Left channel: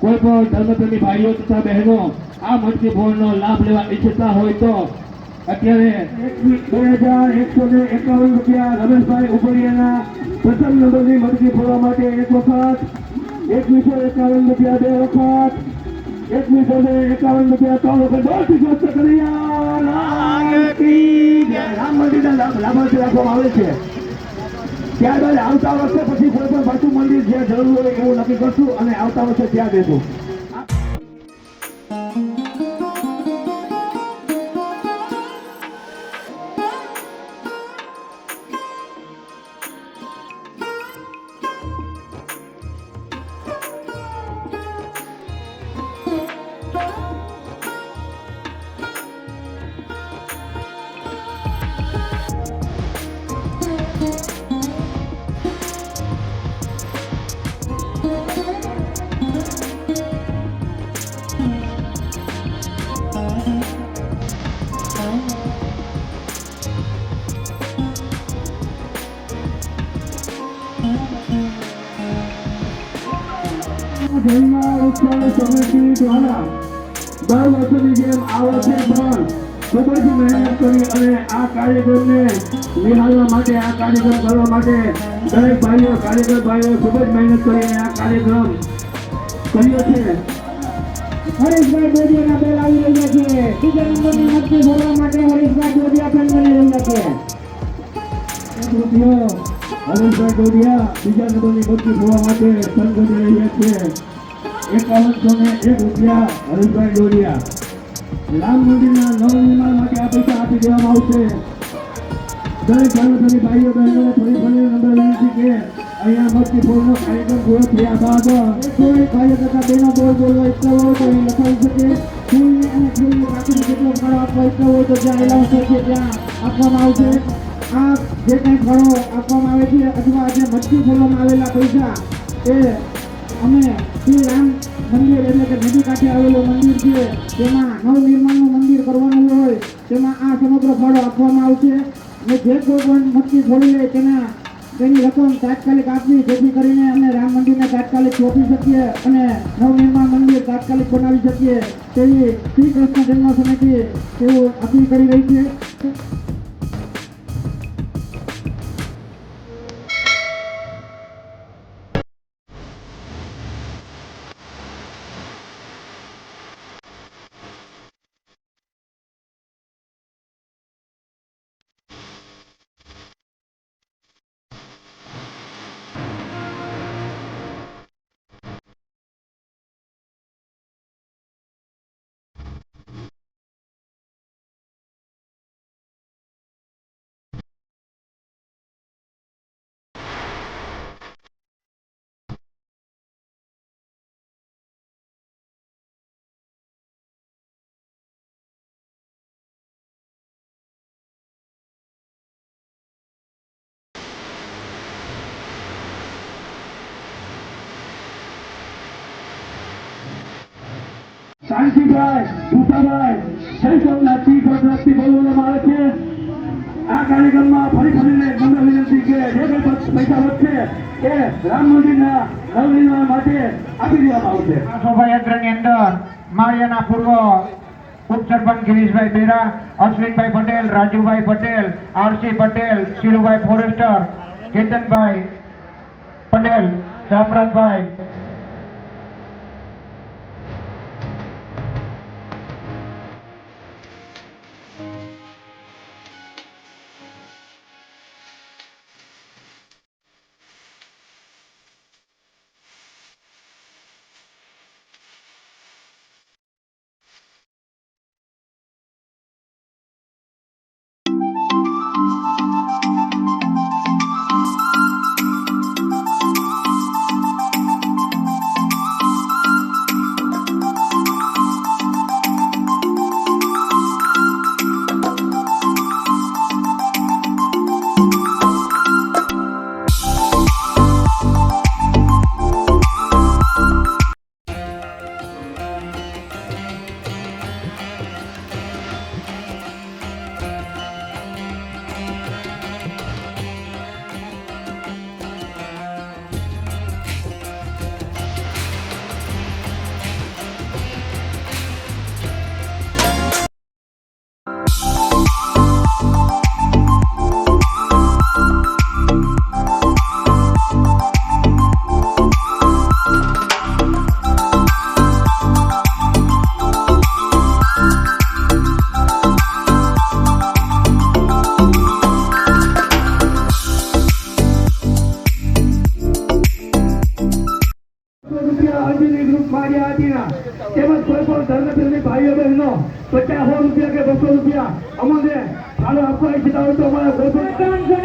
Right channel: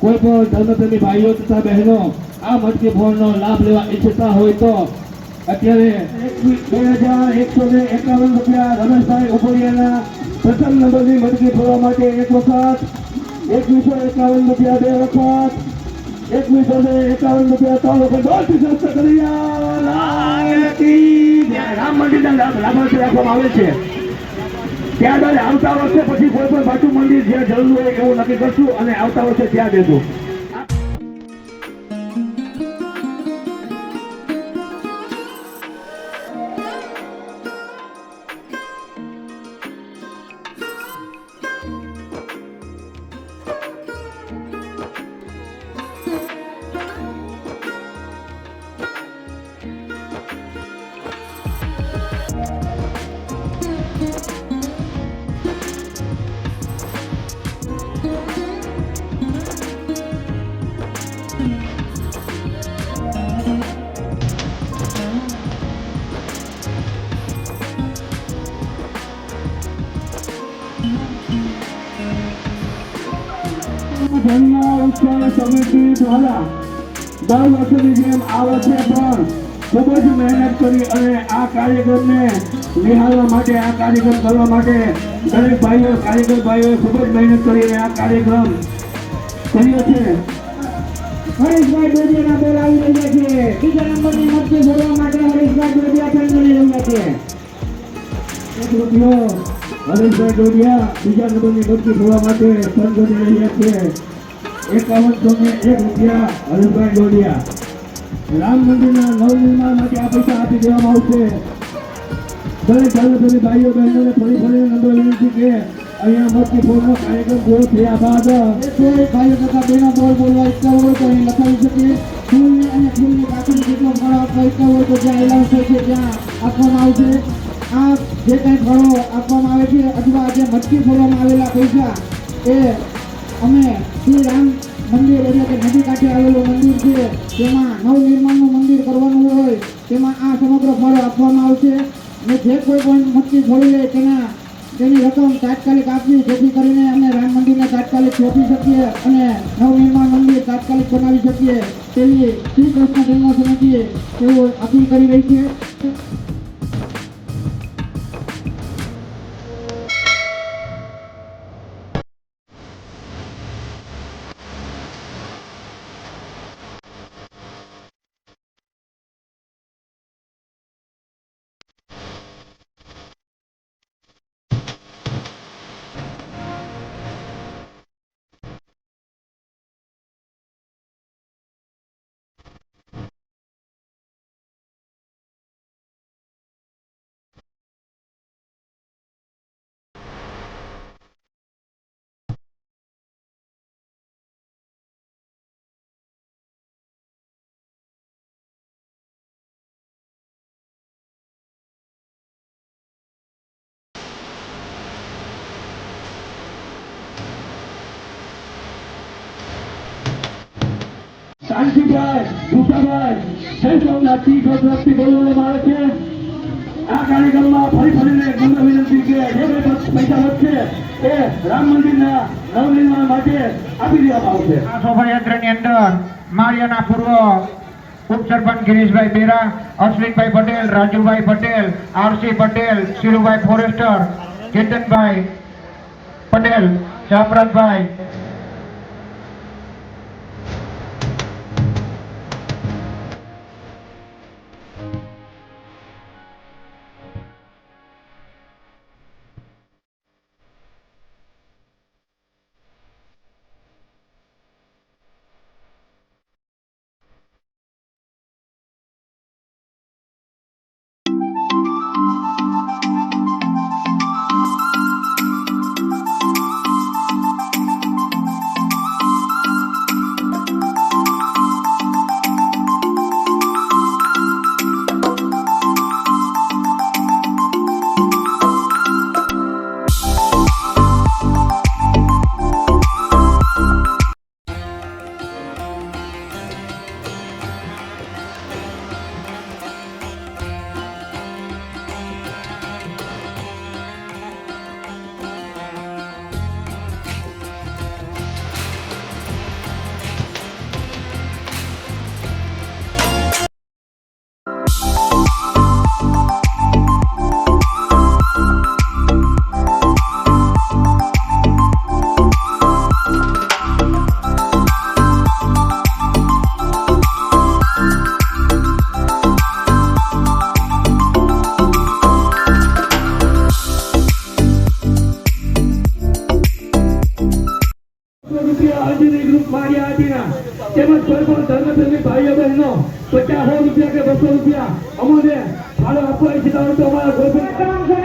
કોઈ પણ ધર્મપ્રેમી ભાઈઓ તથા બહેનો આ મટકી ફોડનો લાભ લેવા ઈચ્છતા હોય તો અત્યારે 2151 રૂપિયા રમેશભાઈ ઉપરિયાના પ્રથમ નંબરની મટકી ફોડવા માટે એક વખત, 2151 રૂપિયા બે વખત, 2151 રૂપિયા ત્રણ વખત, બહુથી સસ્તા કરી રામ મંદિરના લાભાર્થી રાખવામાં આવે છે. ત્યારબાદ આવતા વર્ષે પછી કોઈ પણ પાછું મંદિર જ્યાં જરૂર હોય એવું નક્કી કરશું અને આવતા વર્ષે ત્યાં દેશું. ધર્મ ઉત્સવ સમિતિ દ્વારા દર વર્ષની જેમ આ વર્ષે પણ ખૂબ જ મહેનત કરી અને આ કાર્યક્રમને નિહાળવા માટે, આ કાર્યક્રમ કરવા માટે દરેક ભાઈઓ, કારીગર ભાઈઓ ખૂબ જ મહેનત કરી આ કાર્યક્રમ કર્યો છે. હરીશભાઈ ડોડિયાના બેલ આવી રહ્યા છે. બીજા નંબરની મટકી ભરવા માટે હરીશભાઈ ડોડિયા ફેન બની રહ્યા છે. હરીશભાઈ ડોડિયા બીજા નંબરની મટકી ભરવા માટે ફંડ બની રહ્યા છે. 5101 રૂપિયા હરીશભાઈ ડોડિયા. રામ મંદિરના નવનિર્માણ માટે આ પૈસા આપી દેવામાં આવશે. દરેક ધર્મપ્રેમી ભાઈઓ બહેનોને ફરી નમ્ર વિનંતી કે અહીંયા મટકી ફોડનો કાર્યક્રમ પૂરો થયા બાદ કોઈ ભાઈઓ તથા બહેનો બોલ બોલવા ઈચ્છતા હોય તો અહીં લખાવી શકે. ફૂલની અને ફૂલની પાછળ જેટલો ફળો આપવા ઈચ્છતા હોય તો જ્યાં એલાઉન્સ હોય છે ત્યાં આપવામાં આવશે. આ જે કંઈ ફળો આપવામાં આવે છે અથવા જે મટકી ફોડવામાં આવેલા પૈસા એ અમે શ્રી રામ મંદિર એટલે કે નદી કાંઠે આવેલું મંદિર છે તેમાં નવનિર્માણનું મંદિર કરવાનું હોય તેમાં આ સમગ્ર ફળો આપવામાં આવશે. અને જે કોઈ પણ મટકી ફોડી લે તેની રકમ તાત્કાલિક આપવી, જેથી કરીને અમે રામ મંદિરને તાત્કાલિક સોંપી શકીએ અને નવનિર્માણ મંદિર તાત્કાલિક બનાવી શકીએ તેવી શ્રી કૃષ્ણ જન્મ સમિતિ તેઓ અપીલ કરી રહી છે. શાંતિભાઈ, ભૂસાભાઈ, જયસોમનાથથી ગોત્રથી બોલવામાં આવે છે. આ કાર્યક્રમમાં ફરીને નમ્ર વિનંતી કે જે કંઈ પૈસા વધશે એ રામ મંદિરના નવનિર્માણ માટે આપી દેવામાં આવશે. આ શોભાયાત્રાની અંદર માળિયાના પૂર્વ ઉપસરપંચ ગિરીશભાઈ બેરા, અશ્વિનભાઈ પટેલ, રાજુભાઈ પટેલ, આરસી પટેલ, શિરુભાઈ ફોરેસ્ટર, કેતનભાઈ પટેલ, જાફરાતભાઈ, મંદિરની ગ્રુપ માર્યા હાટીના તેમજ કોઈ પણ ધર્મપ્રેમી ભાઈઓ બહેનો 50-100 રૂપિયા કે 200 રૂપિયા અમને ફાળો આપવા ઈચ્છતા હોય તો અમારા